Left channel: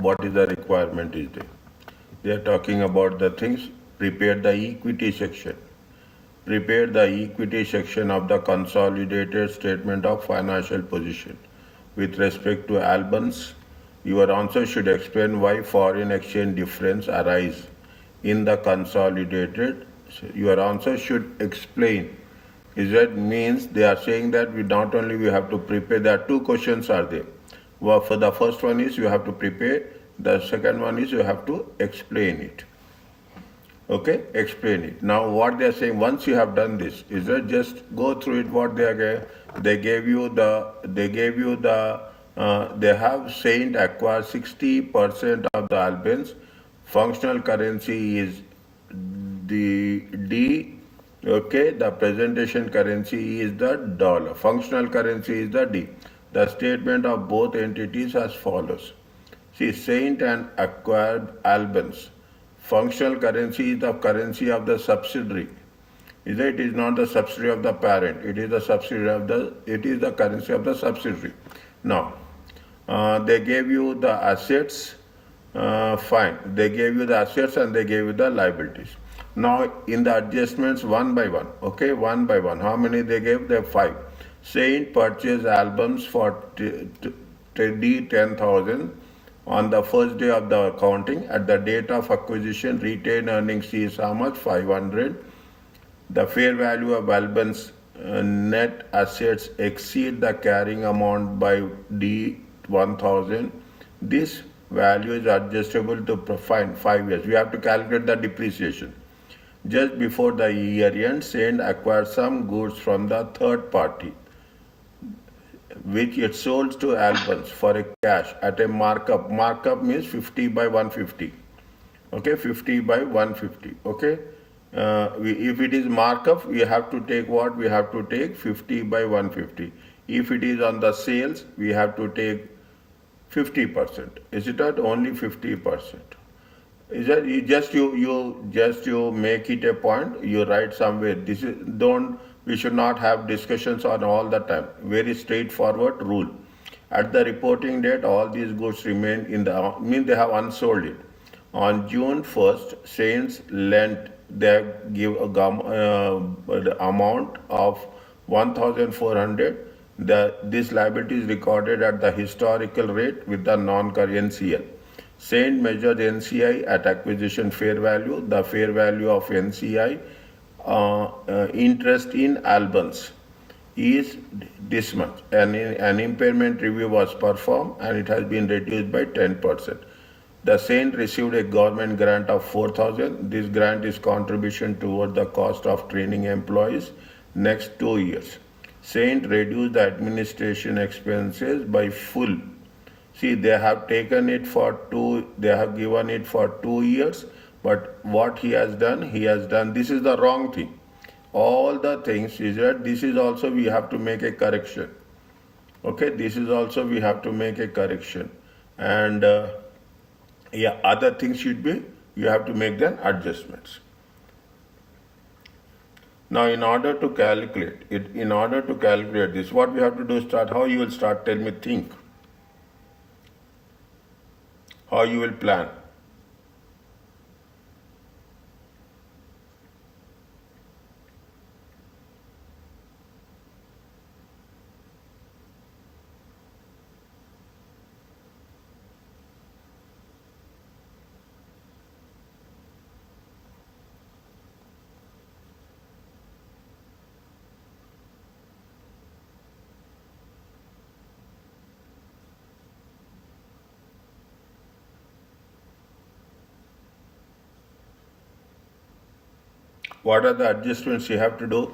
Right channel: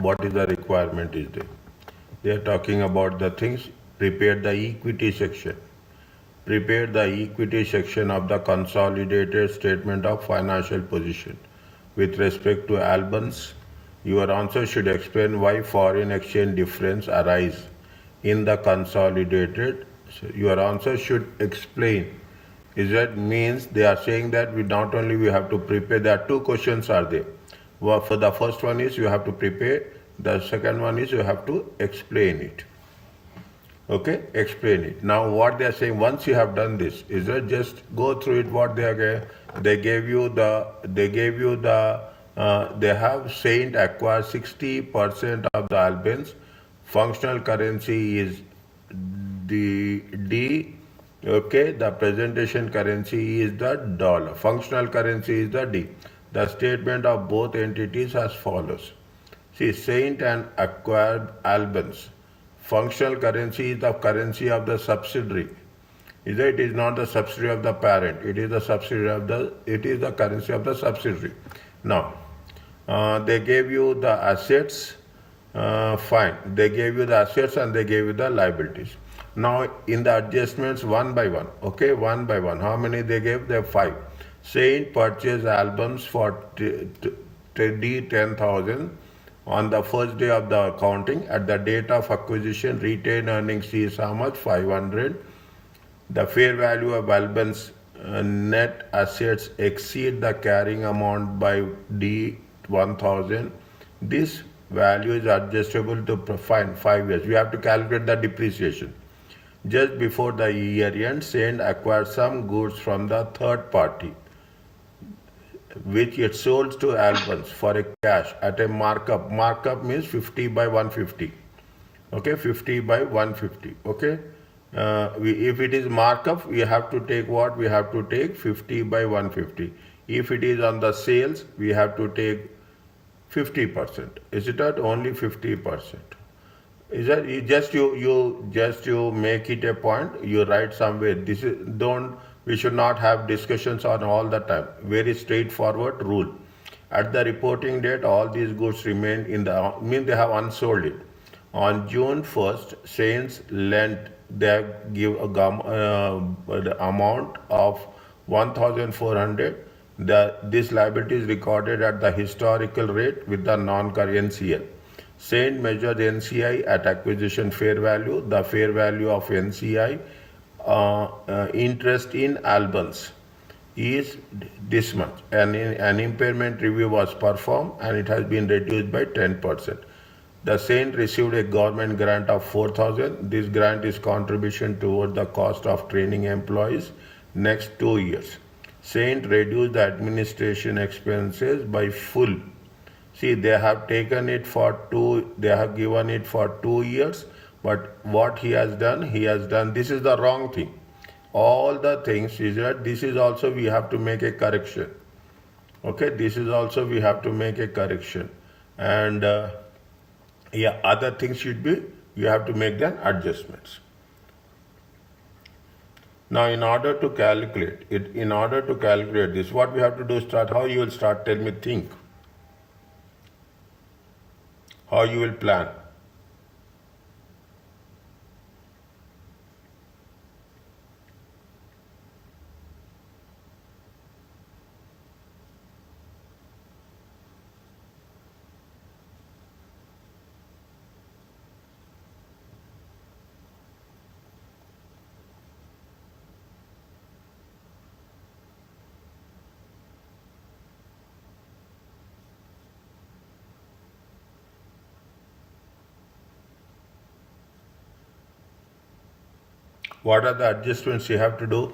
what is the requirement is there. They are talking about the things. Prepare the equity section. Prepare the equity section of the consolidated statement of financial position. With respect to Albans, your answer should explain why foreign exchange difference arise in the consolidated. Your answer should explain. Is that means they are saying that we not only we have to prepare. There are two questions are there. Well, for the first one is you have to prepare. The second one is you have to explain it. Okay, explain it. Now what they are saying, once you have done this, is that just go through it. What they are they have Saint acquired 60% of the Albans. Functional currency is the D. Okay, the presentation currency is the dollar. Functional currency is the D. The statement of both entities as follows. See, Saint and acquired Albans. Functional currency is the currency of the subsidiary. It is not the subsidiary of the parent. It is the subsidiary of the. It is the currency of the subsidiary. Now, they gave you the assets. Fine. They gave you the assets and they gave you the liabilities. Now, in the adjustments, one by one. Okay, one by one. How many they gave? They have 5. Saint purchased albums for D10,000. On the first day of the accounting, at the date of acquisition, retained earnings is how much? 500. The fair value of Albans net assets exceed the carrying amount by D1000. This value is adjustable to 5 years. We have to calculate the depreciation. Just before the year end, Saint acquired some goods from the third party, which it sold to Albans for a cash at a markup. Markup means 50 by 150. Okay, 50 by 150. Okay, if it is markup, we have to take what? We have to take 50 by 150. If it is on the sales, we have to take 50%. Is it not only 50%? Is that you make it a point? You write somewhere. This is We should not have discussions on all the time. Very straightforward rule. At the reporting date, all these goods remain in the, they have unsold it. On June 1st, Saints lent, they give the amount of 1,400. This liability is recorded at the historical rate with the non-current NCL. Saint measured NCI at acquisition fair value. The fair value of NCI interest in Albans is this much. An impairment review was performed and it has been reduced by 10%. The Saint received a government grant of 4,000. This grant is contribution toward the cost of training employees next 2 years. Saint reduced the administration expenses by full. See, they have taken it for they have given it for 2 years. But what he has done, this is the wrong thing. All the things is that this is also we have to make a correction. Okay, this is also we have to make a correction. And other things should be, you have to make the adjustments. Now, in order to calculate this, what we have to do, how you will start, tell me, think. How you will plan. What are the adjustments you have to do?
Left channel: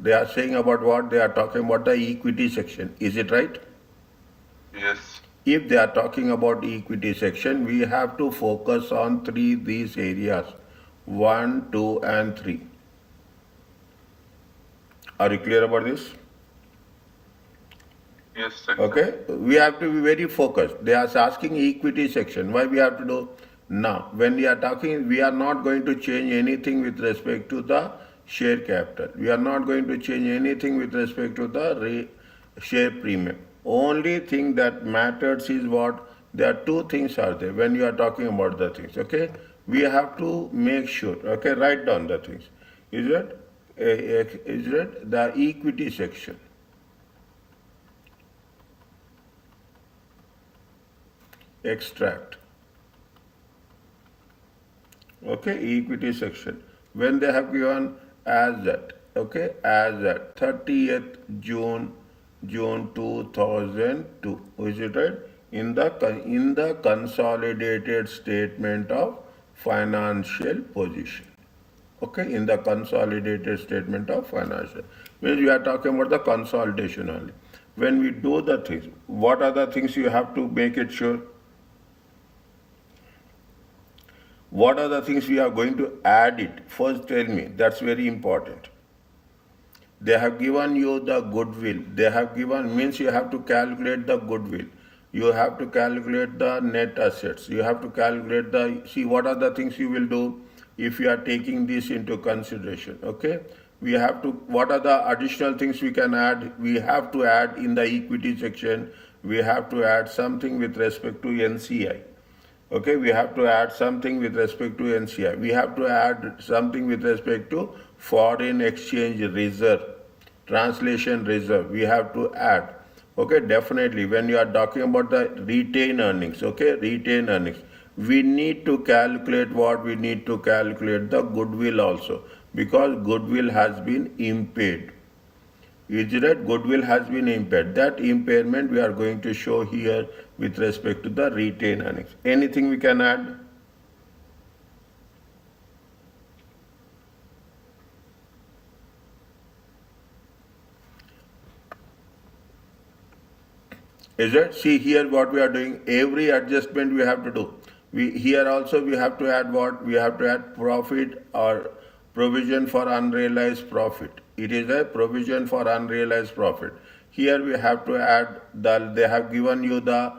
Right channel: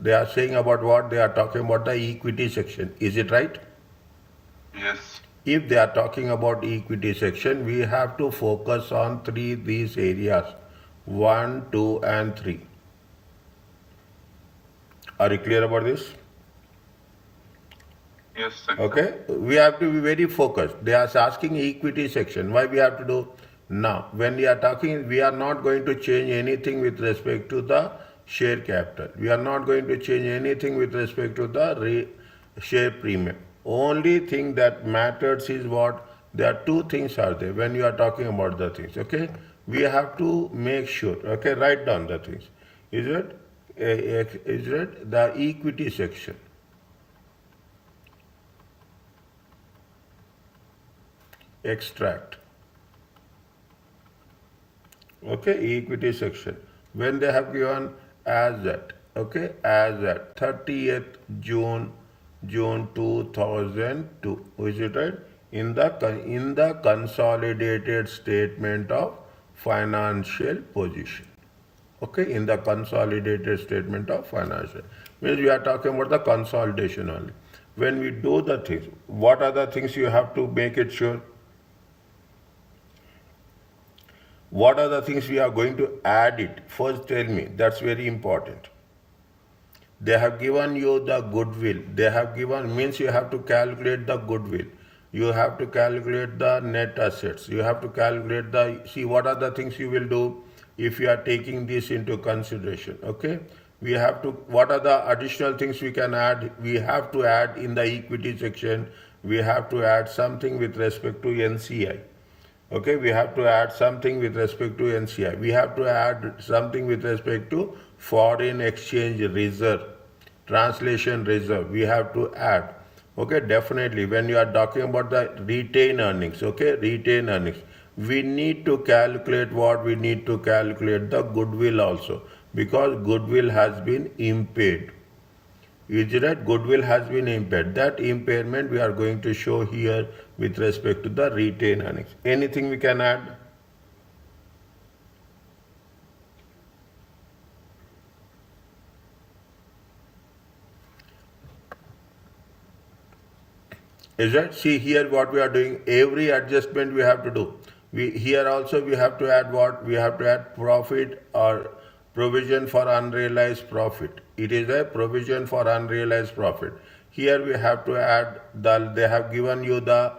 They are saying about what? They are talking about the equity section. Is it right? Yes. If they are talking about equity section, we have to focus on these areas, 1, 2, and 3. Are you clear about this? Yes, sir. Okay, we have to be very focused. They are asking equity section. Why we have to do now? When we are talking, we are not going to change anything with respect to the share capital. We are not going to change anything with respect to the share premium. Only thing that matters is what? There are two things are there when you are talking about the things. Okay, we have to make sure. Okay, write down the things. Is it? Is it the equity section? Extract. Okay, equity section. When they have given as that, okay, as that 30th June 2002, is it right? In the consolidated statement of financial position. Okay, in the consolidated statement of financial. Means we are talking about the consolidation only. When we do the things, what are the things you have to make it sure? What are the things we are going to add it? First tell me, that's very important. They have given you the goodwill. They have given, means you have to calculate the goodwill. You have to calculate the net assets. You have to calculate see what are the things you will do if you are taking this into consideration. Okay? We have to, what are the additional things we can add? We have to add in the equity section, we have to add something with respect to NCI. Okay, we have to add something with respect to NCI. We have to add something with respect to foreign exchange reserve, translation reserve. We have to add. Okay, definitely. When you are talking about the retained earnings, okay, retained earnings, we need to calculate what we need to calculate the goodwill also, because goodwill has been impaired. Is that goodwill has been impaired? That impairment we are going to show here with respect to the retained earnings. Anything we can add? Is that? See here what we are doing. Every adjustment we have to do. Here also we have to add what? We have to add profit or provision for unrealized profit. It is a provision for unrealized profit. Here we have to add they have given you the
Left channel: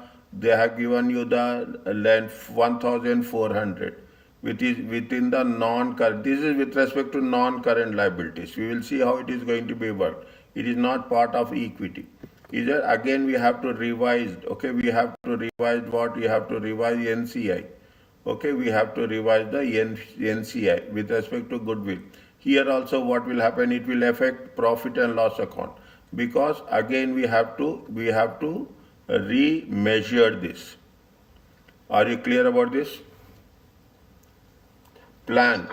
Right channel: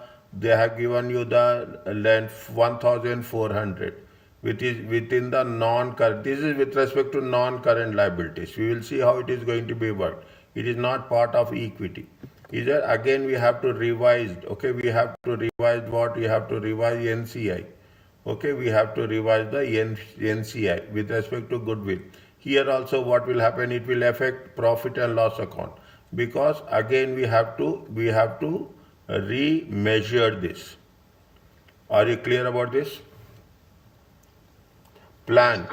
length 1400, which is within the non-current. This is with respect to non-current liabilities. We will see how it is going to be worked. It is not part of equity. Is there? Again we have to revise. Okay, we have to revise what? We have to revise NCI. Okay, we have to revise the NCI with respect to goodwill. Here also what will happen? It will affect profit and loss account, because again we have to remeasure this. Are you clear about this? Plan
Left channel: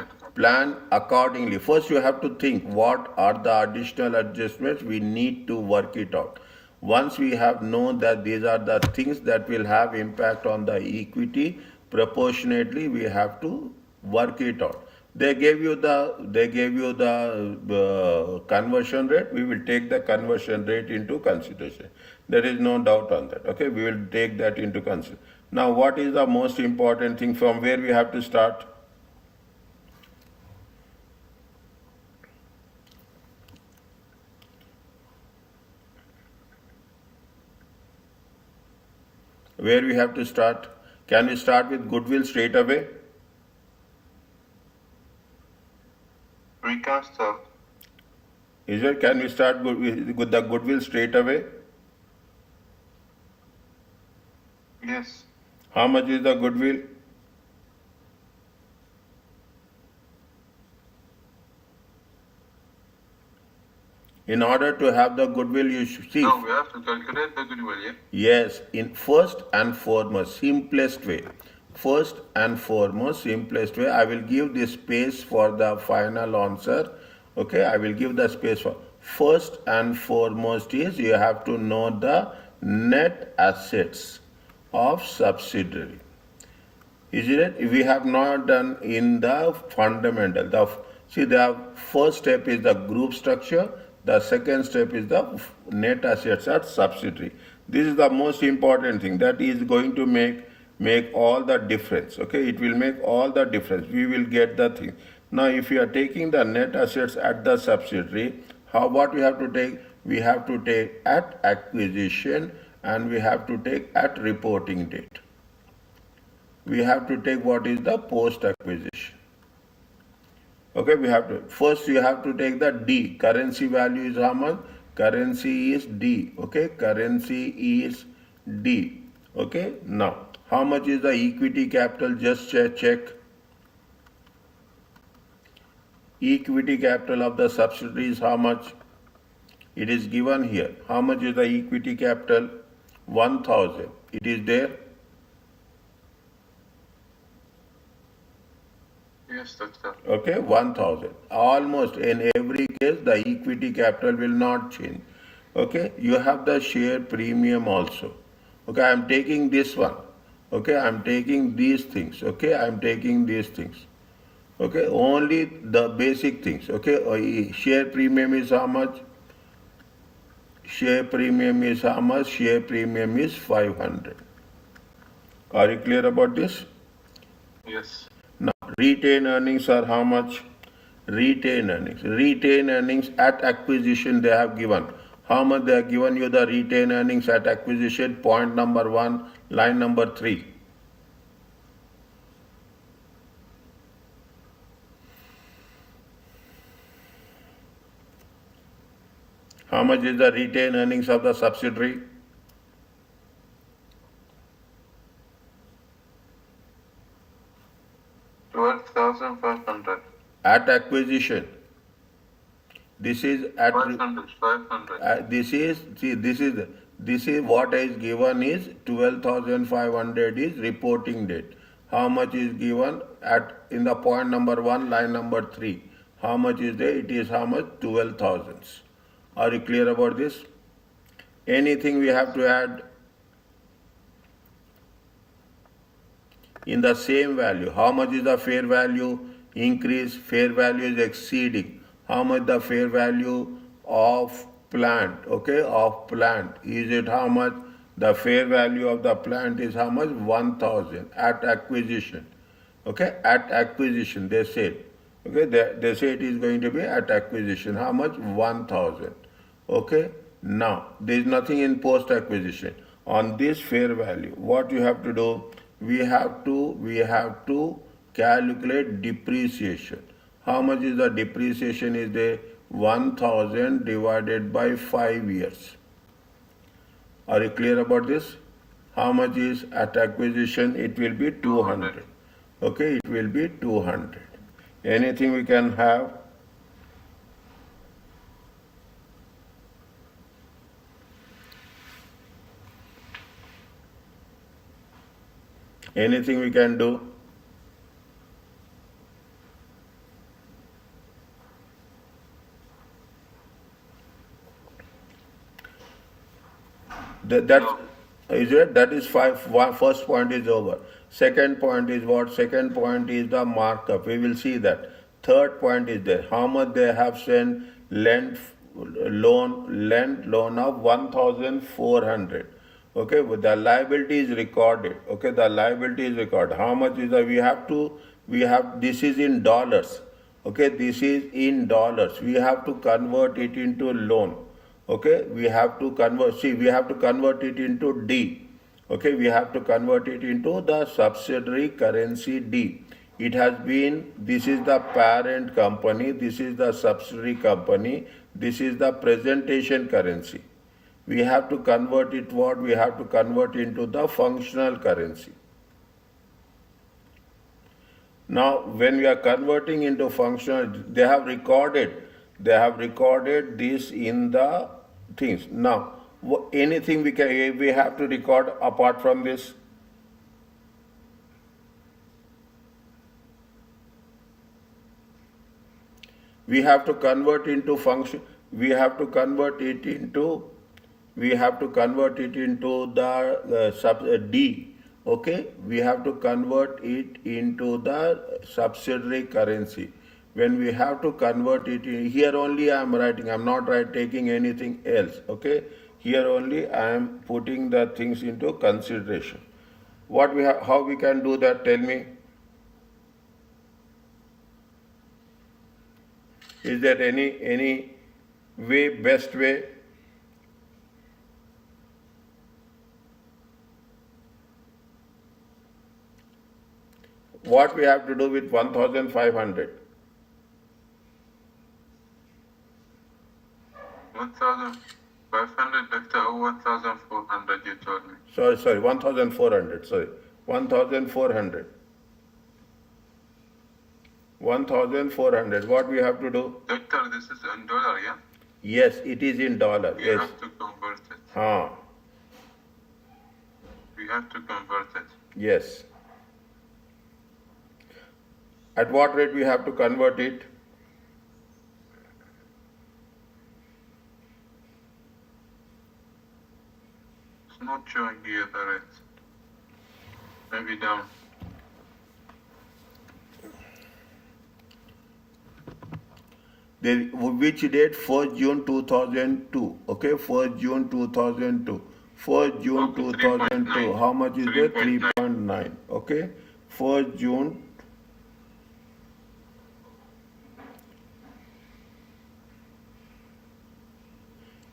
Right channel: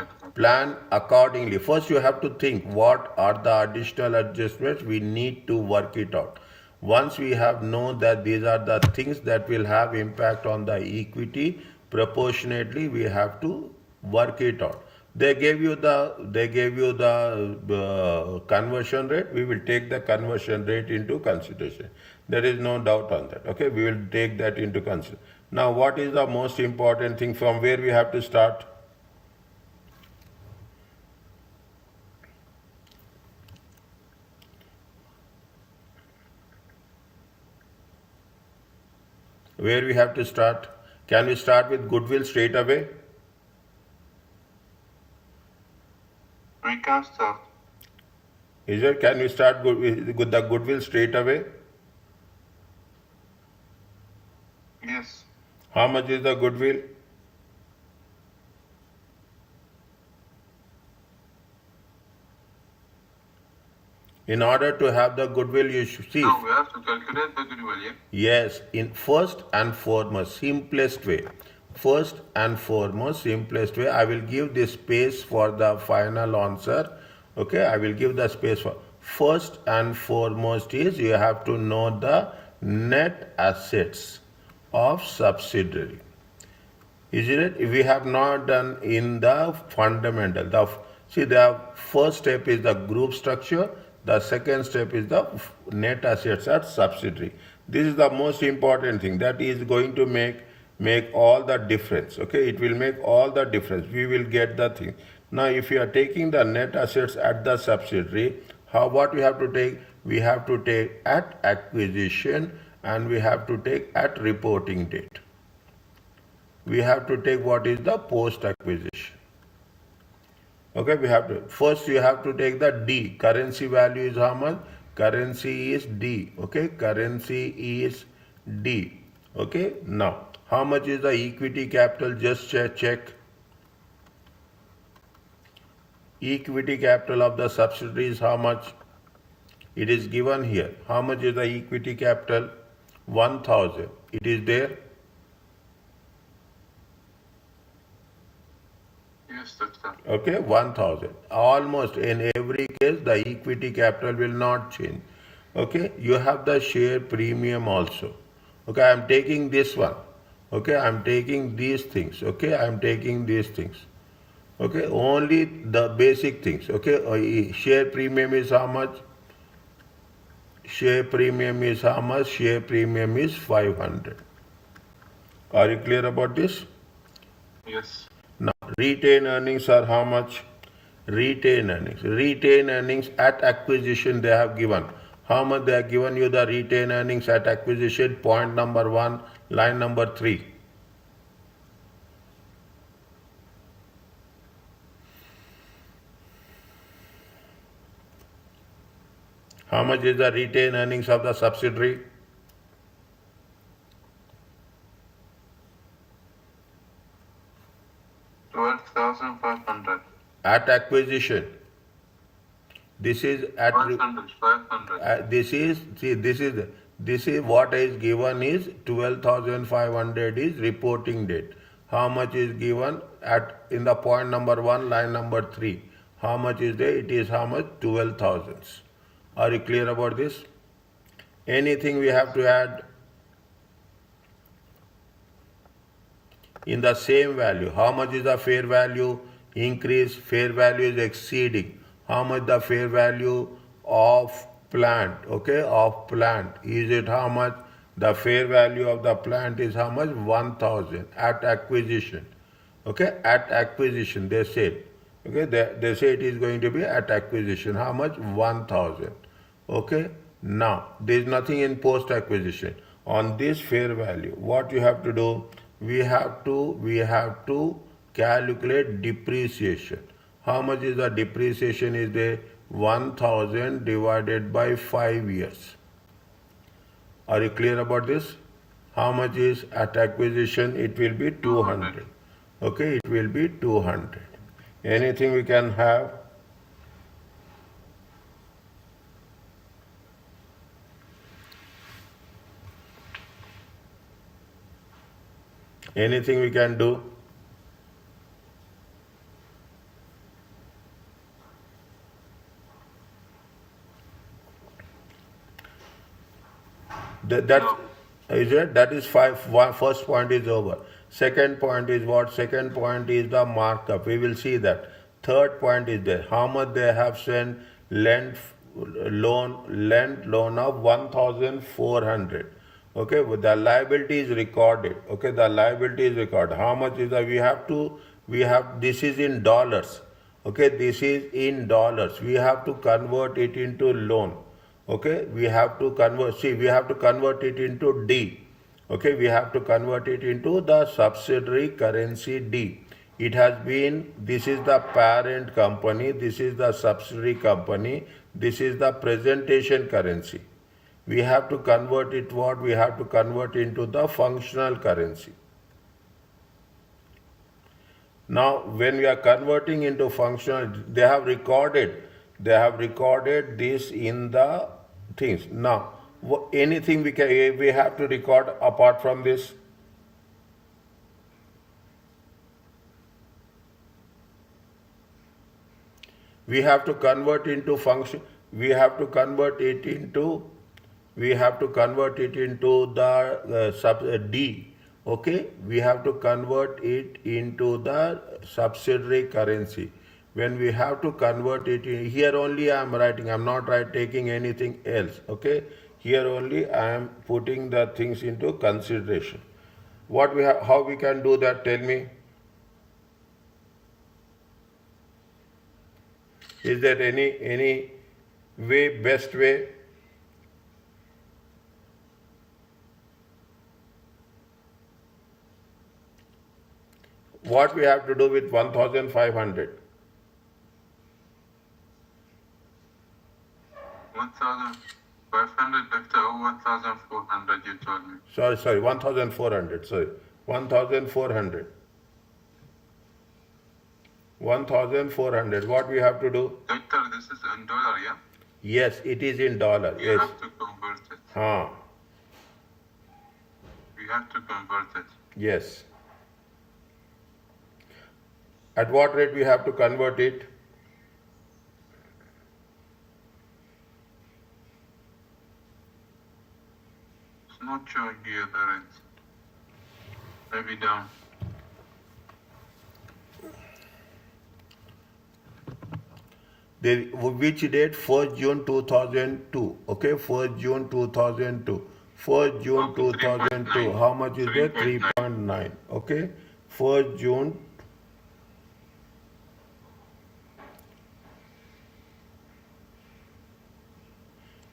accordingly. First you have to think what are the additional adjustments we need to work it out. Once we have known that these are the things that will have impact on the equity, proportionately we have to work it out. They gave you the conversion rate. We will take the conversion rate into consideration. There is no doubt on that. Okay, we will take that into consideration. Now what is the most important thing, from where we have to start? Where we have to start? Can we start with goodwill straight away? We can start. Is it? Can we start with the goodwill straight away? Yes. How much is the goodwill? In order to have the goodwill, you should see. Now we have to calculate the goodwill, yeah? Yes, in first and foremost, simplest way. First and foremost, simplest way, I will give this space for the final answer. Okay, I will give the space for. First and foremost is you have to know the net assets of subsidiary. Is it? We have not done in the fundamental. The first step is the group structure. The second step is the net assets at subsidiary. This is the most important thing. That is going to make all the difference. Okay, it will make all the difference. We will get the thing. Now, if you are taking the net assets at the subsidiary, What we have to take? We have to take at acquisition and we have to take at reporting date. We have to take what is the post acquisition. Okay, we have to, first you have to take the D. Currency value is how much? Currency is D. Okay, currency is D. Okay, now how much is the equity capital? Just check. Equity capital of the subsidiary is how much? It is given here. How much is the equity capital? 1000. It is there. Yes, doctor. Okay, 1000. Almost in every case, the equity capital will not change. Okay, you have the share premium also. Okay, I am taking this one. Okay, I am taking these things. Okay, I am taking these things. Okay, only the basic things. Okay, share premium is how much? Share premium is how much? Share premium is 500. Are you clear about this? Yes. Now, retained earnings are how much? Retained earnings. Retained earnings at acquisition they have given. How much they have given you the retained earnings at acquisition? Point number 1, line number 3. How much is the retained earnings of the subsidiary? 12,500. At acquisition. This is at 500. This is what is given is 12,500 is reporting date. How much is given at in the point number 1, line number 3? How much is there? It is how much? 12,000. Are you clear about this? Anything we have to add? In the same value, how much is the fair value increase? Fair value is exceeding. How much the fair value of plant? Okay, of plant. Is it how much? The fair value of the plant is how much? 1000 at acquisition. Okay, at acquisition they said. Okay, they say it is going to be at acquisition. How much? 1000. Okay, now there is nothing in post acquisition. On this fair value, what you have to do? We have to calculate depreciation. How much is the depreciation is there? 1000 divided by 5 years. Are you clear about this? How much is at acquisition? It will be 200. Okay, it will be 200. Anything we can have? Anything we can do? No. Is it? That is first point is over. Second point is what? Second point is the markup. We will see that. Third point is there. How much they have sent lent loan of 1,400. Okay, the liability is recorded. Okay, the liability is recorded. How much is that? This is in dollars. Okay, this is in dollars. We have to convert it into loan. Okay, we have to convert it into D. Okay, we have to convert it into the subsidiary currency D. It has been, this is the parent company, this is the subsidiary company, this is the presentation currency. We have to convert it what? We have to convert into the functional currency. Now, when we are converting into functional, they have recorded this in the things. Now, anything we have to record apart from this? We have to convert into function. We have to convert it into the D. Okay, we have to convert it into the subsidiary currency. When we have to convert it in, here only I am writing, I am not taking anything else. Okay, here only I am putting the things into consideration. How we can do that? Tell me. Is there any best way? What we have to do with 1,500? 1,500 or 1,400 you told me. Sorry, 1,400, 1,400. 1,400, what we have to do? Doctor, this is in dollar, yeah? Yes, it is in dollar, We yes. have to convert it. We have to convert it. Yes. At what rate we have to convert it? It's not showing here the rate. Maybe down. Which date? 1st June 2002. Okay, 1st June 2002. 1st June Okay, 2002. 3.9. How much is there? 3.9. 3.9. Okay, 1st June.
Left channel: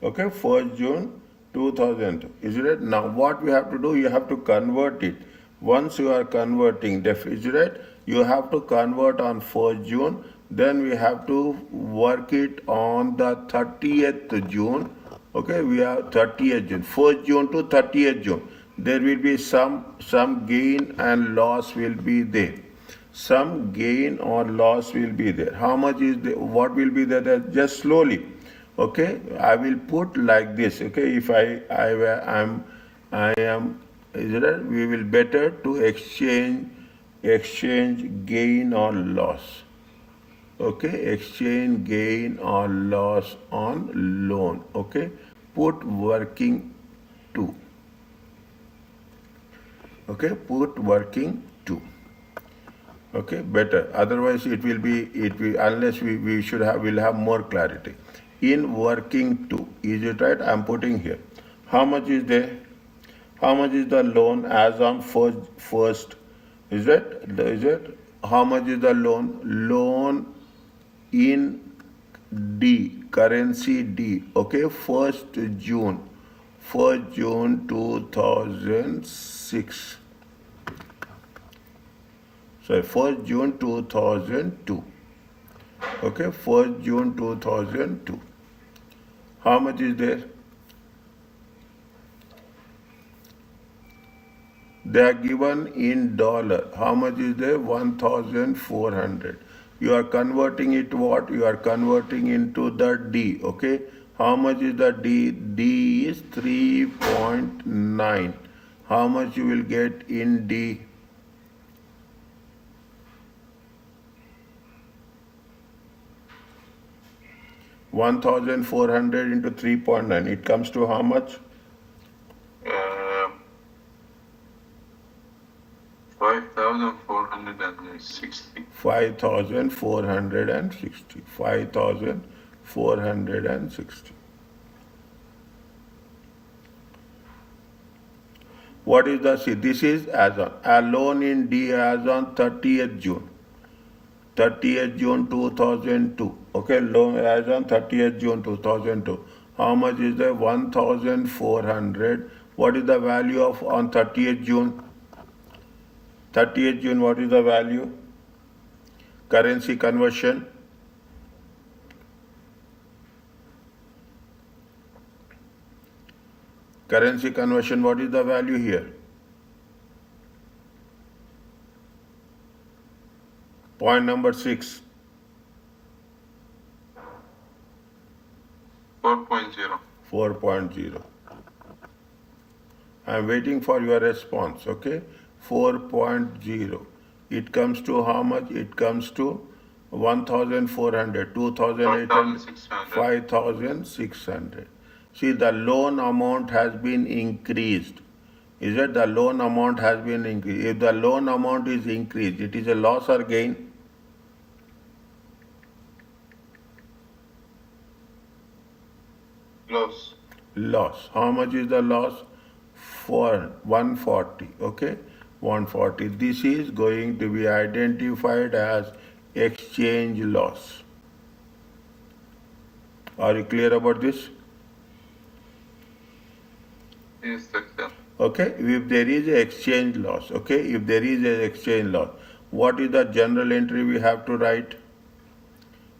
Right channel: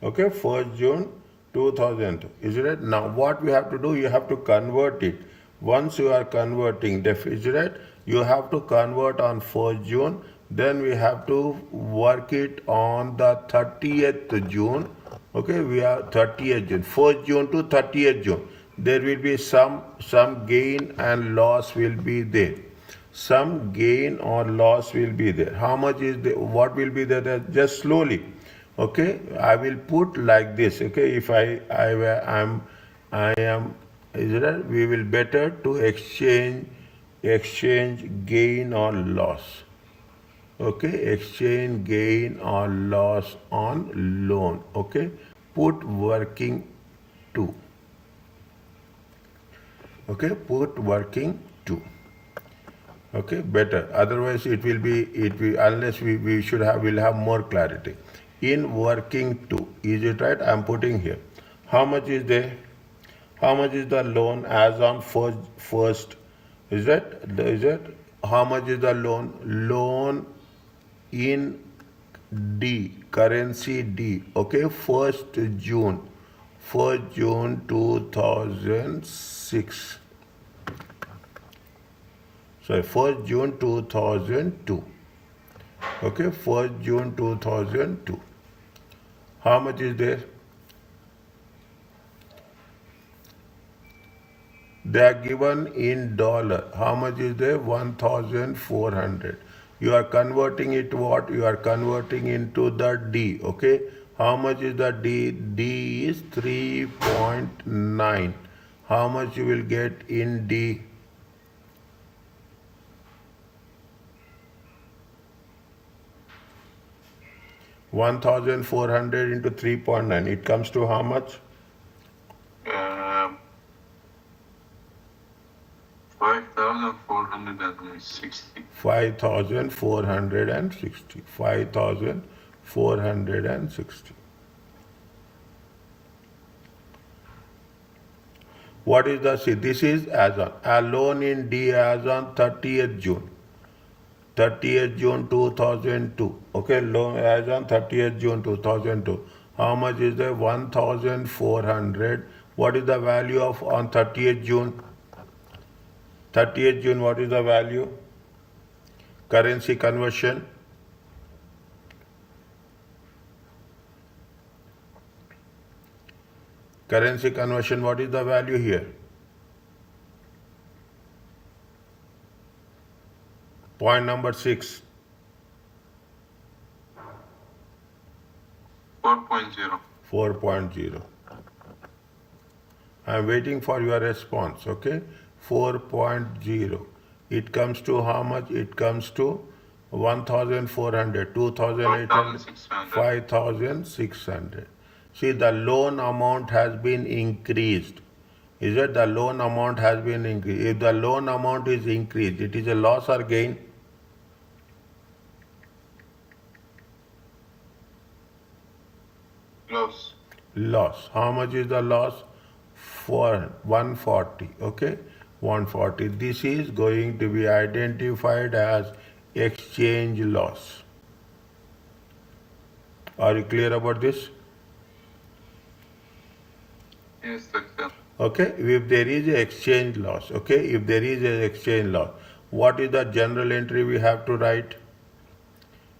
Okay, 1st June 2000. Is it? Now, what we have to do? You have to convert it. Once you are converting, is it? You have to convert on 1st June. Then we have to work it on the 30th June. Okay, we have 30th June. 1st June to 30th June. There will be some gain and loss will be there. Some gain or loss will be there. How much is the? What will be there? Just slowly. Okay, I will put like this. Okay, if I am, is it right? We will better to exchange gain or loss. Okay, exchange gain or loss on loan. Okay, put working to. Okay, put working to. Okay, better. Otherwise, it will unless we should have will have more clarity. In working to, is it right? I am putting here. How much is there? How much is the loan as on first? Is that? Is it? How much is the loan? Loan in D, currency D. Okay, 1st June 2006. Sorry, 1st June 2002. Okay, 1st June 2002. How much is there? They are given in dollar. How much is there? 1,400. You are converting it what? You are converting into the D. Okay. How much is the D? D is 3.9. How much you will get in D? $1,400 into 3.9. It comes to how much? 5,460. 5,460. 5,460. What is the, see, this is as on, a loan in D as on 30th June. 30th June 2002. Okay, loan as on 30th June 2002. How much is the 1,400? What is the value of on 30th June? 30th June, what is the value? Currency conversion. Currency conversion, what is the value here? Point number 6. 4.0. 4.0. I am waiting for your response, okay? 4.0. It comes to how much? It comes to 1,400, 2,800, 5,600. See, the loan amount has been increased. Is it the loan amount has been increased? If the loan amount is increased, it is a loss or gain? Loss. Loss. How much is the loss? For 140. Okay, 140. This is going to be identified as exchange loss. Are you clear about this? Yes, sir. Okay, if there is a exchange loss, okay, if there is an exchange loss, what is the general entry we have to write?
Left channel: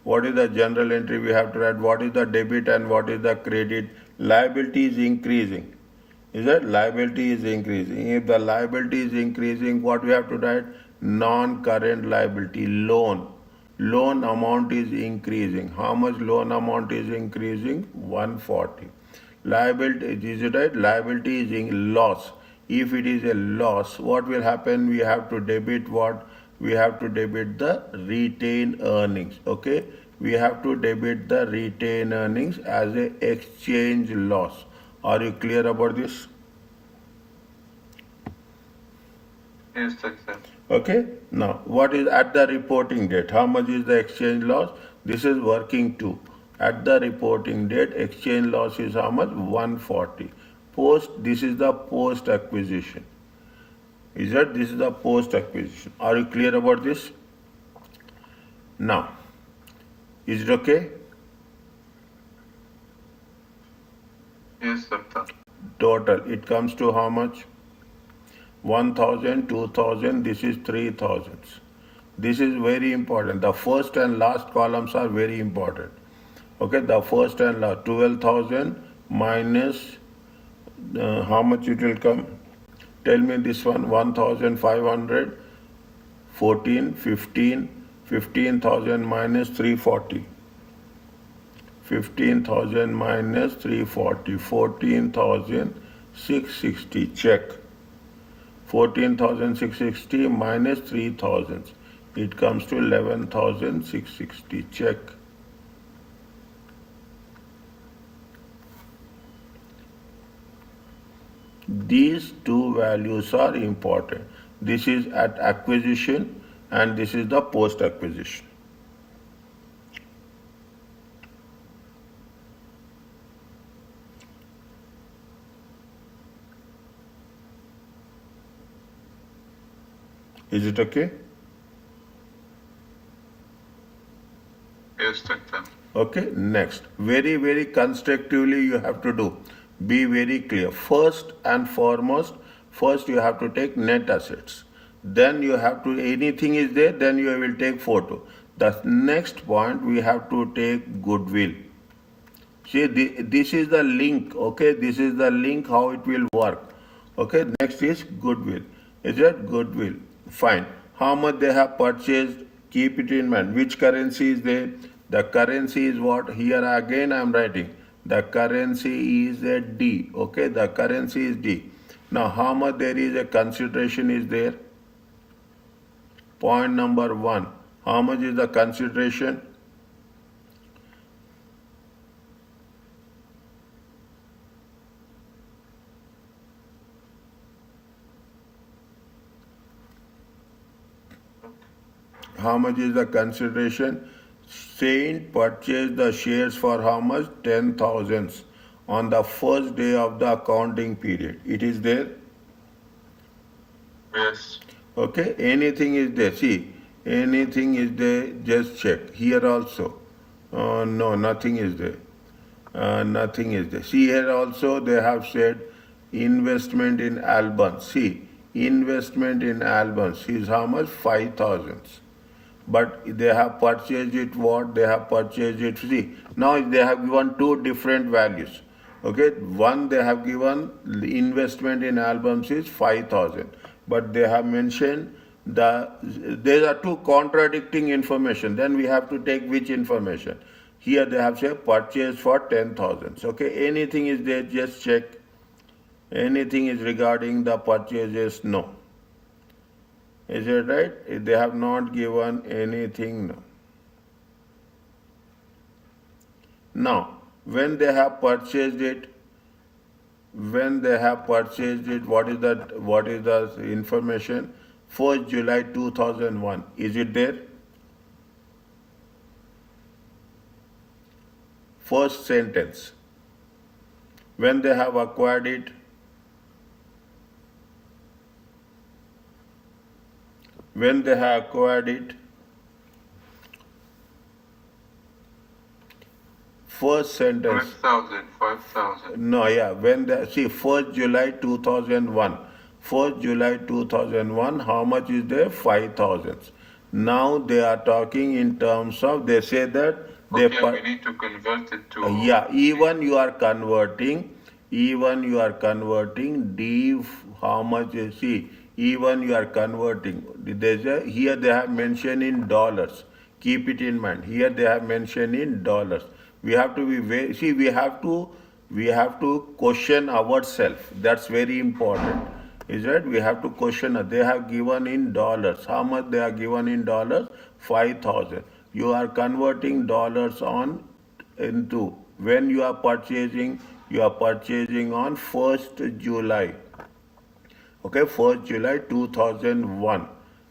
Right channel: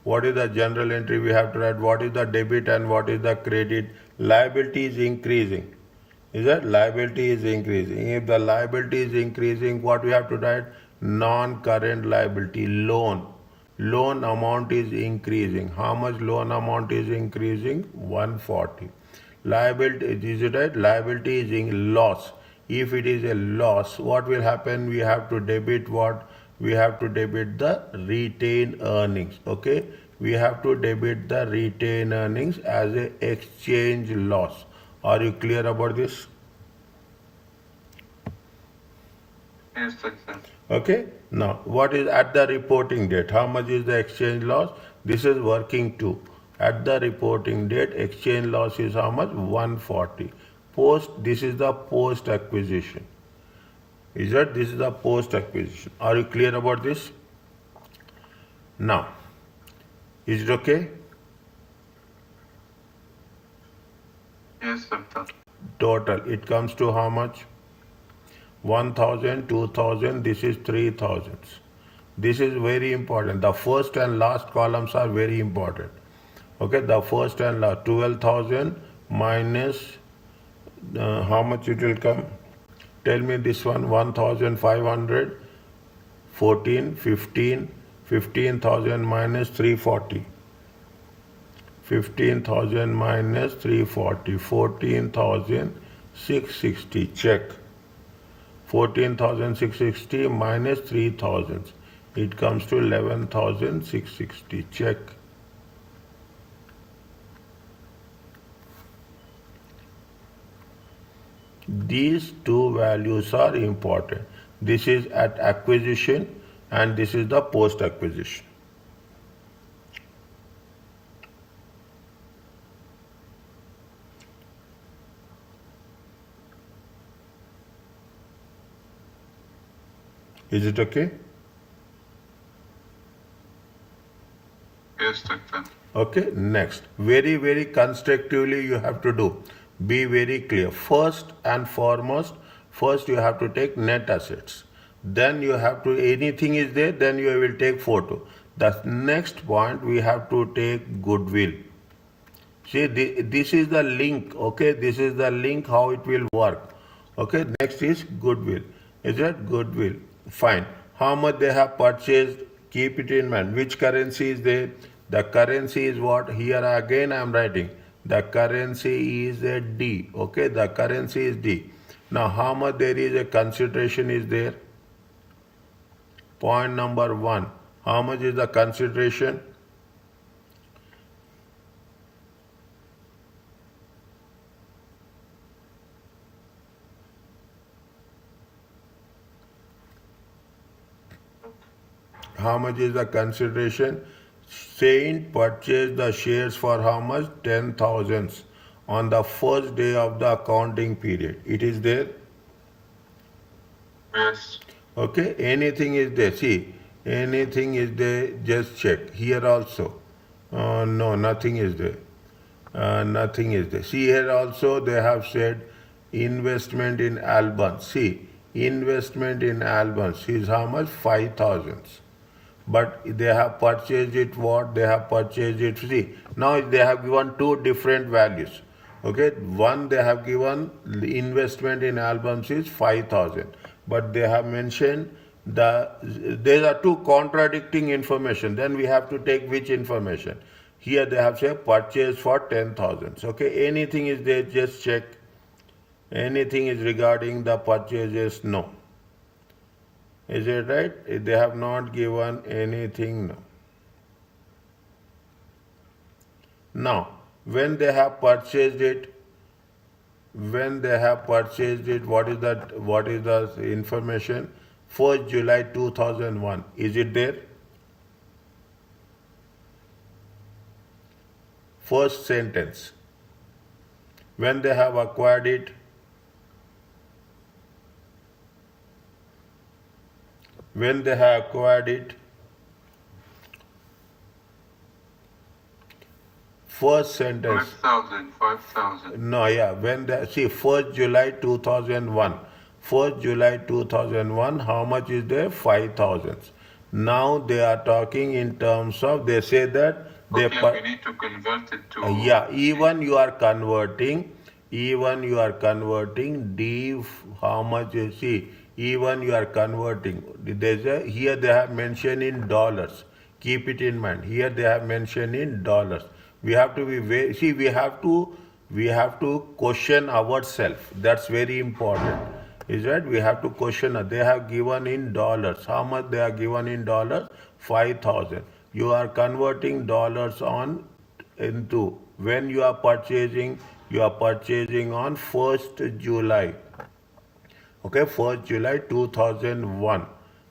What is the general entry we have to write? What is the debit and what is the credit? Liability is increasing. Is that liability is increasing? If the liability is increasing, what we have to write? Non-current liability, loan. Loan amount is increasing. How much loan amount is increasing? 140. Liability, is it right? Liability is in loss. If it is a loss, what will happen? We have to debit what? We have to debit the retained earnings. Okay, we have to debit the retained earnings as a exchange loss. Are you clear about this? Yes, sir. Okay, now what is at the reporting date? How much is the exchange loss? This is working two. At the reporting date, exchange loss is how much? 140. Post, this is the post acquisition. Is that this is the post acquisition? Are you clear about this? Now, is it okay? Yes, sir. Total, it comes to how much? 1000, 2000, this is 3000. This is very important. The first and last columns are very important. Okay, the first and last, 12,000 minus how much it will come? Tell me this one, 1,500, 14, 15, 15,000 minus 340. 15,000 minus 340, 14,660, check. 14,660 minus 3,000, it comes to 11,660, check. These two values are important. This is at acquisition and this is the post acquisition. Is it okay? Yes, sir. Okay, next. Very, very constructively you have to do. Be very clear. First and foremost, first you have to take net assets. Then you have to, anything is there, then you will take photo. The next point, we have to take goodwill. See, this is the link, okay? This is the link how it will work. Okay, next is goodwill. Is that goodwill? Fine. How much they have purchased? Keep it in mind. Which currency is there? The currency is what? Here again I am writing. The currency is a D. Okay, the currency is D. Now how much there is a consideration is there? Point number one. How much is the consideration? How much is the consideration? Saint purchased the shares for how much? 10,000 on the first day of the accounting period. It is there? Yes. Okay, anything is there. See, anything is there, just check. Here also. No, nothing is there. Nothing is there. See, here also they have said investment in albums. See, investment in albums is how much? 5,000. But they have purchased it what? They have purchased it. See, now they have given two different values. Okay, one they have given investment in albums is 5,000. But they have mentioned there are two contradicting information. Then we have to take which information? Here they have said purchase for 10,000. Okay, anything is there, just check. Anything is regarding the purchases? No. Is it right? They have not given anything. No. Now, when they have purchased it, what is the information? 1st July 2001. Is it there? First sentence. When they have acquired it, when they have acquired it, First sentence. 5,000. No, yeah, when the, see, 1st July 2001. 1st July 2001, how much is there? 5,000. Now they are talking in terms of, they say that they. Okay, we need to convert it to. Yeah, even you are converting, D, how much you see, even you are converting. There's a, here they have mentioned in dollars. Keep it in mind. Here they have mentioned in dollars. We have to be very, see, we have to question ourselves. That's very important. Is that we have to question. They have given in dollars. How much they are given in dollars? 5,000. You are converting dollars on into when you are purchasing on 1st July. Okay, 1st July 2001.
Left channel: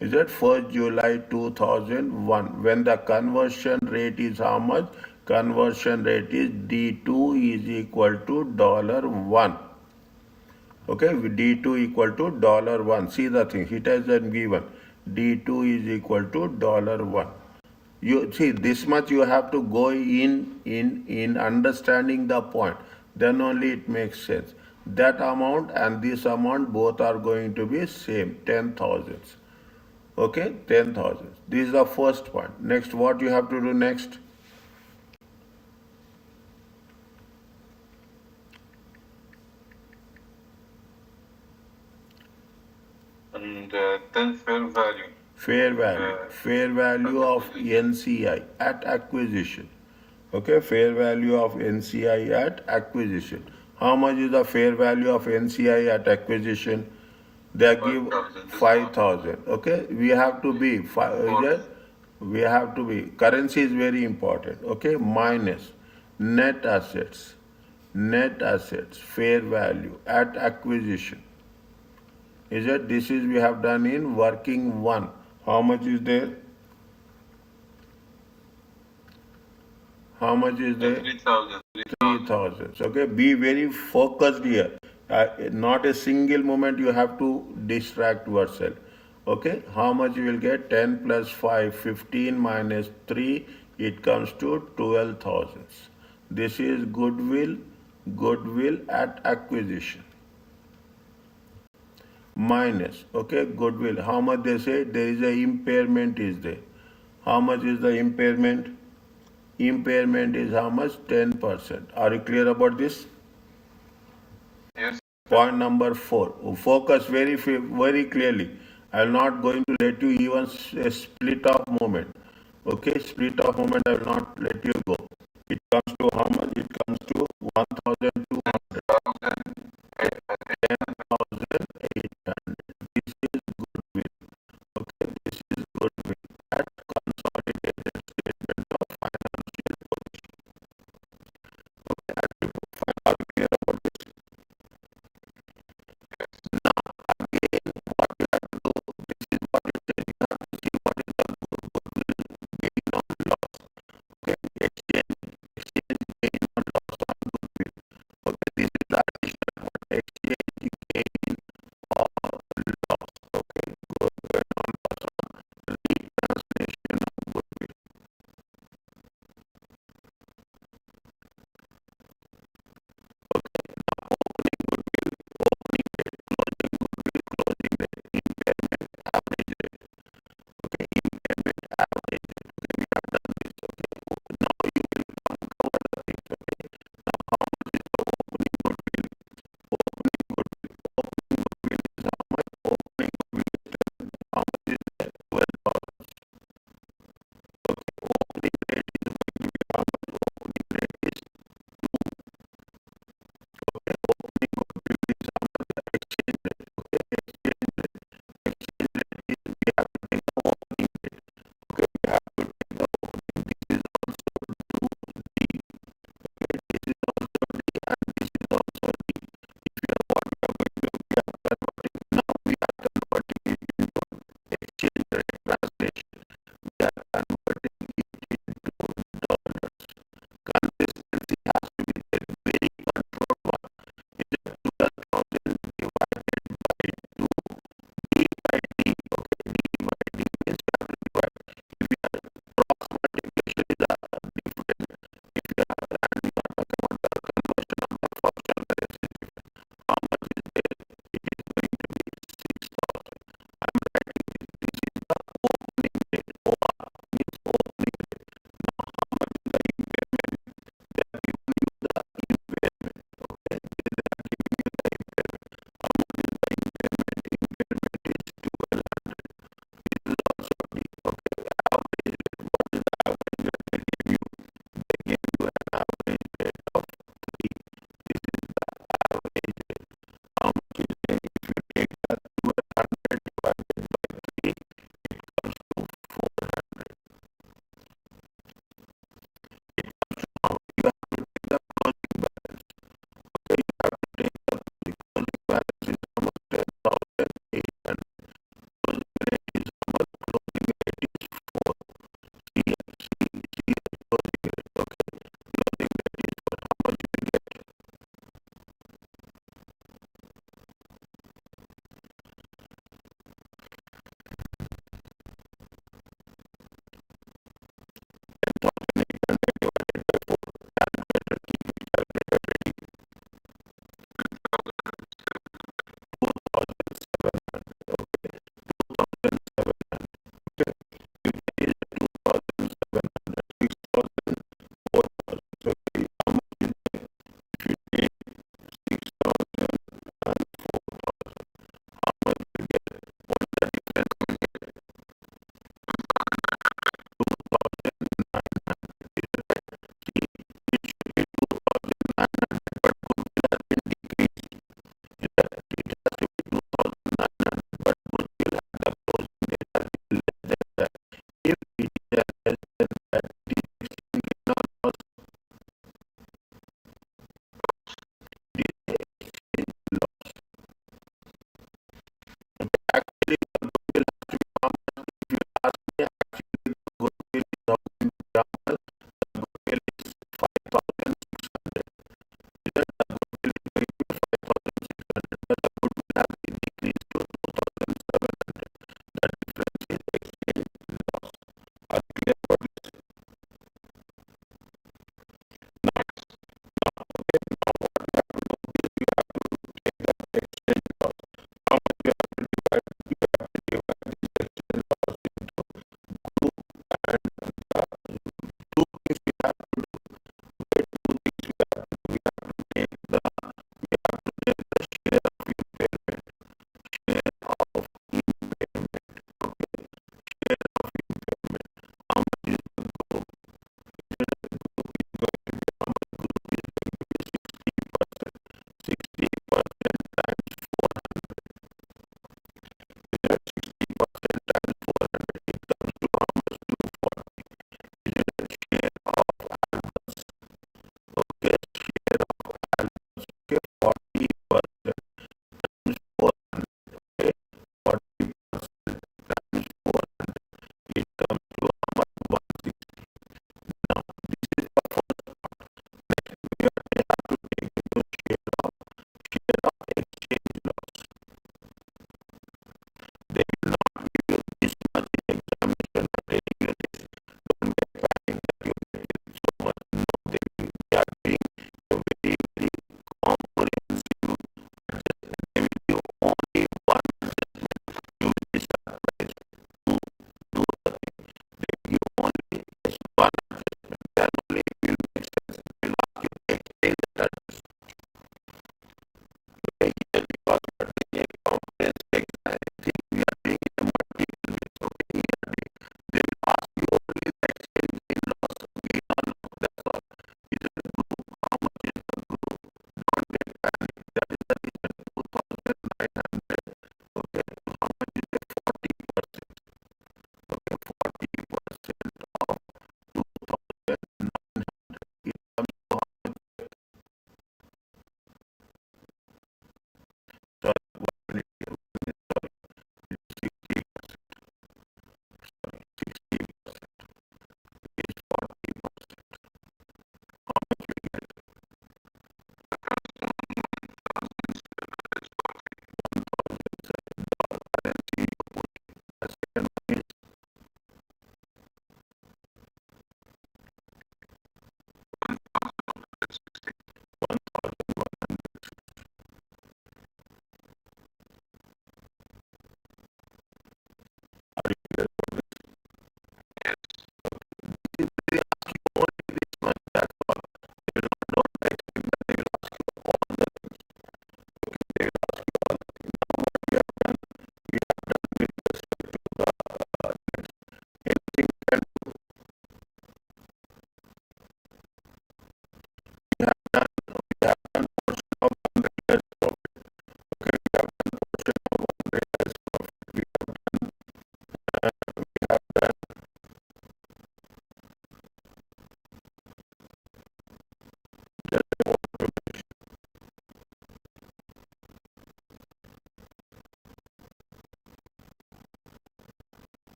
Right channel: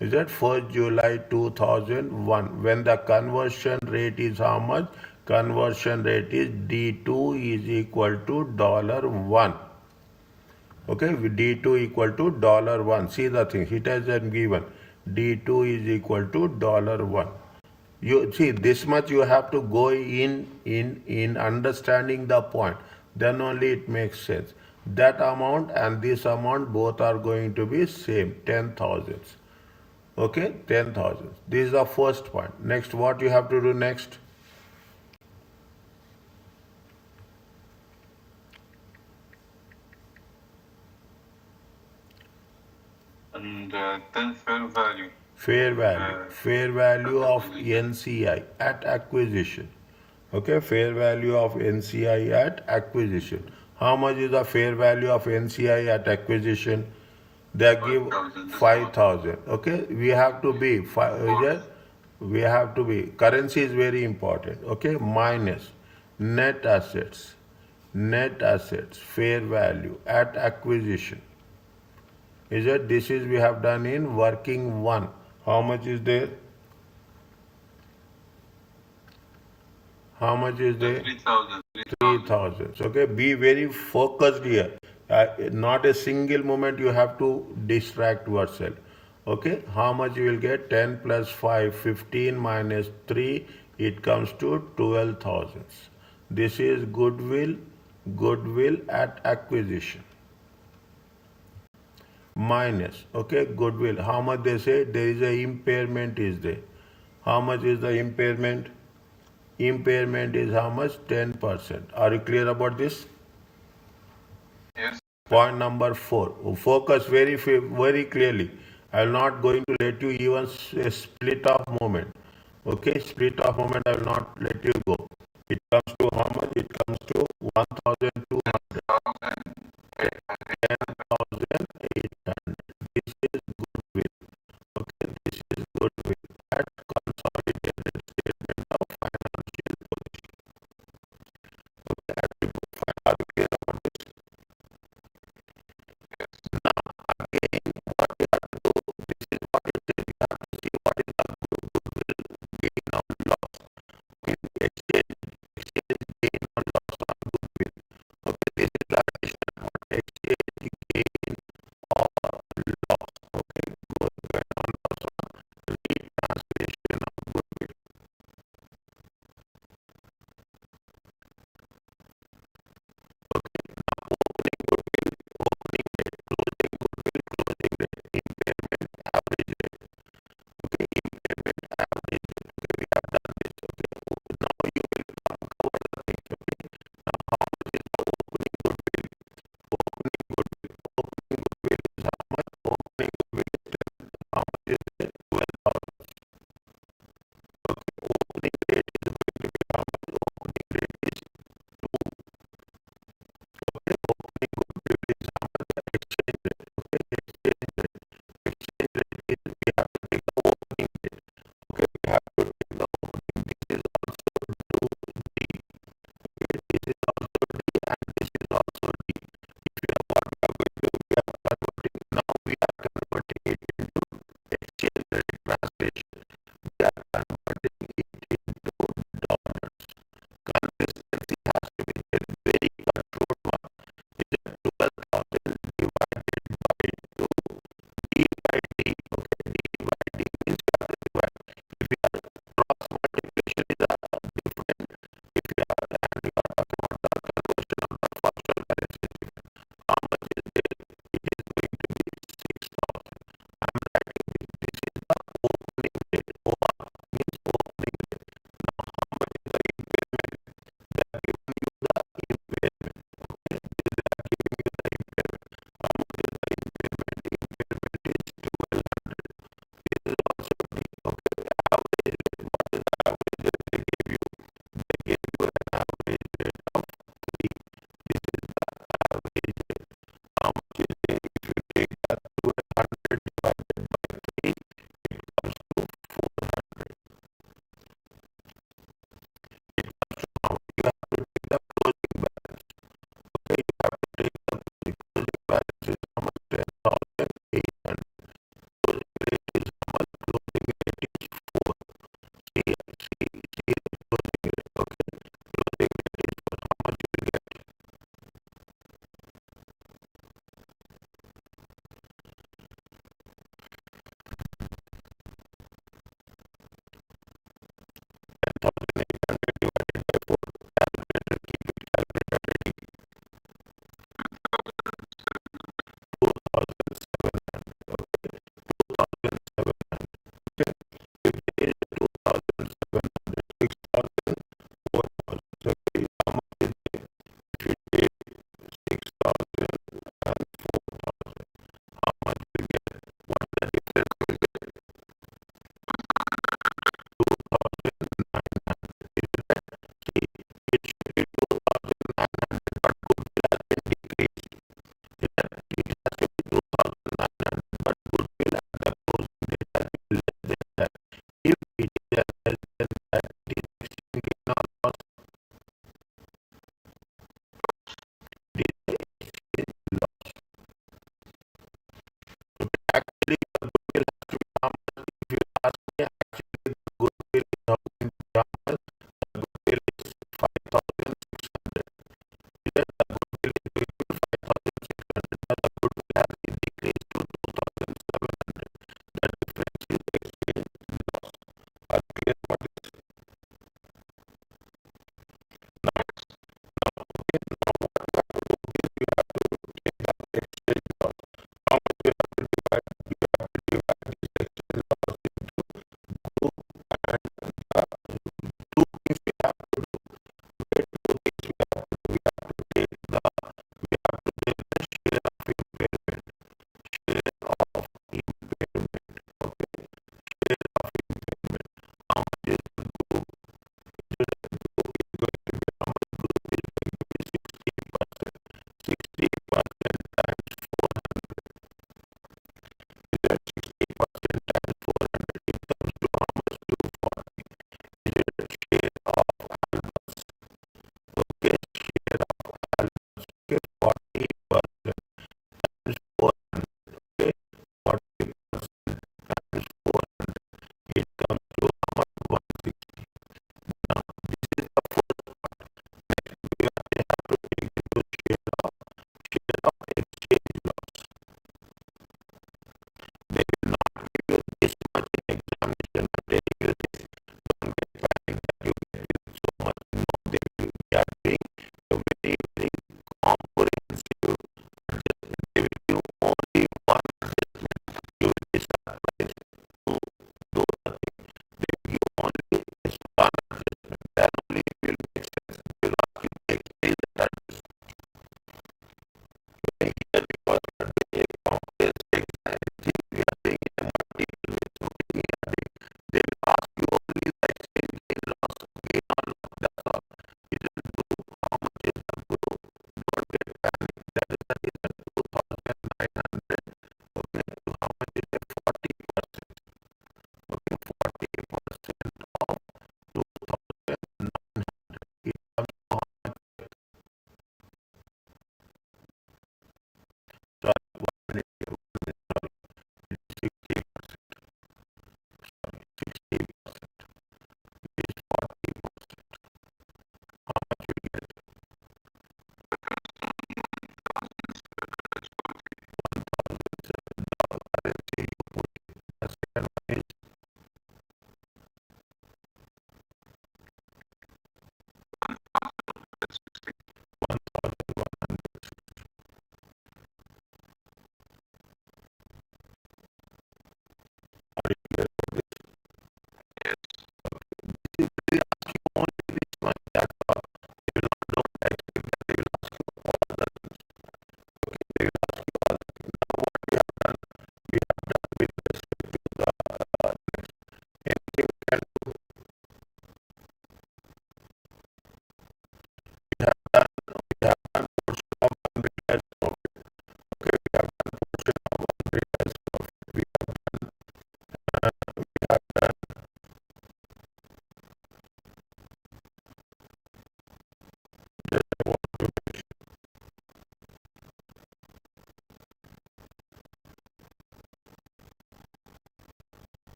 Is that 1st July 2001? When the conversion rate is how much? Conversion rate is D2 is equal to $1. Okay, D2 equal to $1. See the thing, it has been given. D2 is equal to $1. You see, this much you have to go in understanding the point. Then only it makes sense. That amount and this amount both are going to be same, 10,000. Okay, 10,000. This is the first point. Next, what you have to do next? And then fair value. Fair value of NCI at acquisition. Okay, fair value of NCI at acquisition. How much is the fair value of NCI at acquisition? They give 5,000. Okay, we have to be currency is very important. Okay, minus net assets, fair value at acquisition. Is it? This is we have done in working one. How much is there? How much is there? 3,000. 3,000. Okay, be very focused here. Not a single moment you have to distract yourself. Okay, how much you will get? 10 plus 5, 15 minus 3, it comes to 12,000. This is goodwill at acquisition. Minus, okay, goodwill. How much they say? There is a impairment is there. How much is the impairment? Impairment is how much? 10%. Are you clear about this? Yes. Point number 4. Focus very clearly. I will not going to let you even a split of moment. Okay, split of moment I will not let you go. It comes to how much? It comes to 1,200. 10,800. This is goodwill. Okay, this is goodwill at consolidated statement of financial position. Okay, are you clear about this? Now, again, what you have to do, this is what it says. You have to see what is the goodwill gain or loss. Okay, exchange gain or loss on goodwill. Okay,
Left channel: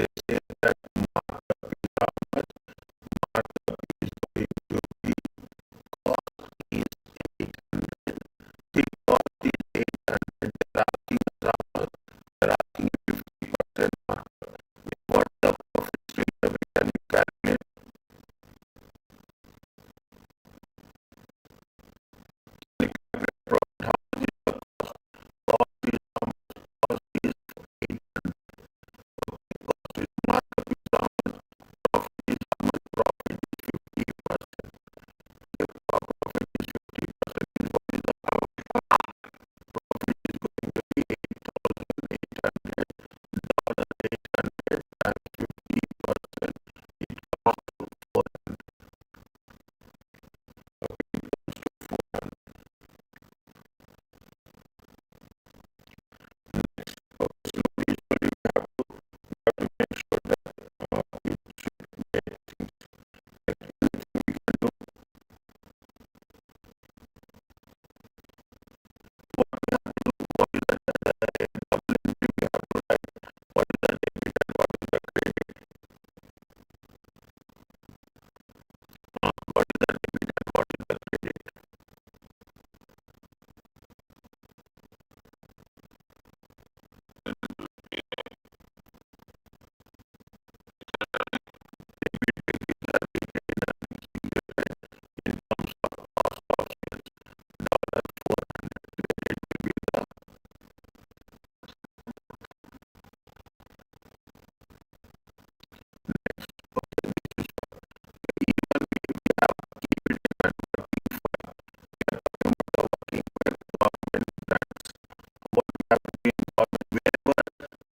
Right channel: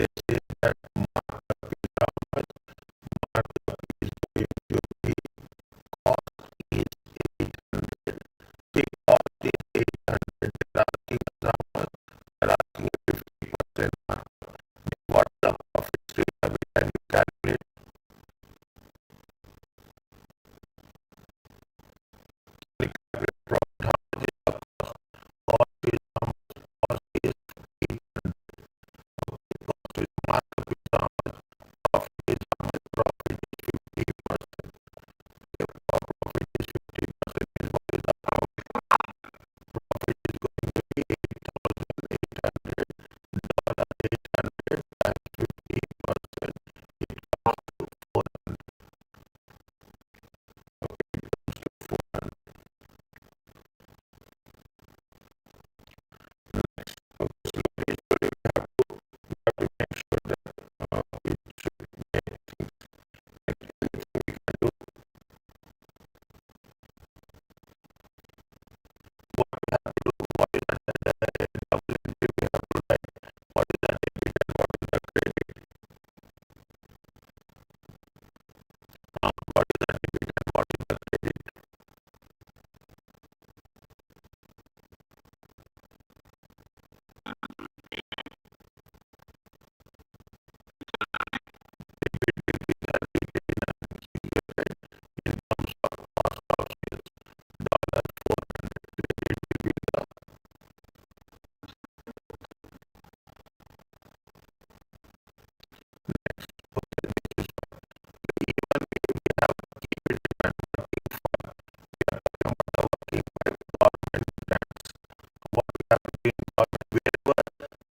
they say that markup is how much? Markup is going to be cost is 800. If cost is 800, they're asking us how much? They're asking 50% markup. What's the profit straight away? Can you calculate? Profit, how much is the cost? Cost is how much? Cost is 800. Cost is markup is how much? Profit is how much? Profit is 50%. If profit is 50%, is what is the amount? Profit is going to be 8,800. $800 times 50%. It comes to 400. It comes to 400. Next, slowly, slowly, we have to make sure that it should make things. Anything we can do. What we have to do, what is the double entry we have to write? What is the debit and what is the credit? What is the debit and what is the credit? In terms of cost of sales, $400 credit will be the next. Okay, this is even if we have keep it and working file, we are talking about the working file government grants. What we have to do in government, wherever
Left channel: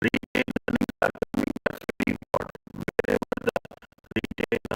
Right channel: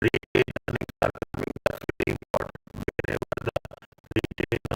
retained earnings are coming, that's very important. Wherever the retained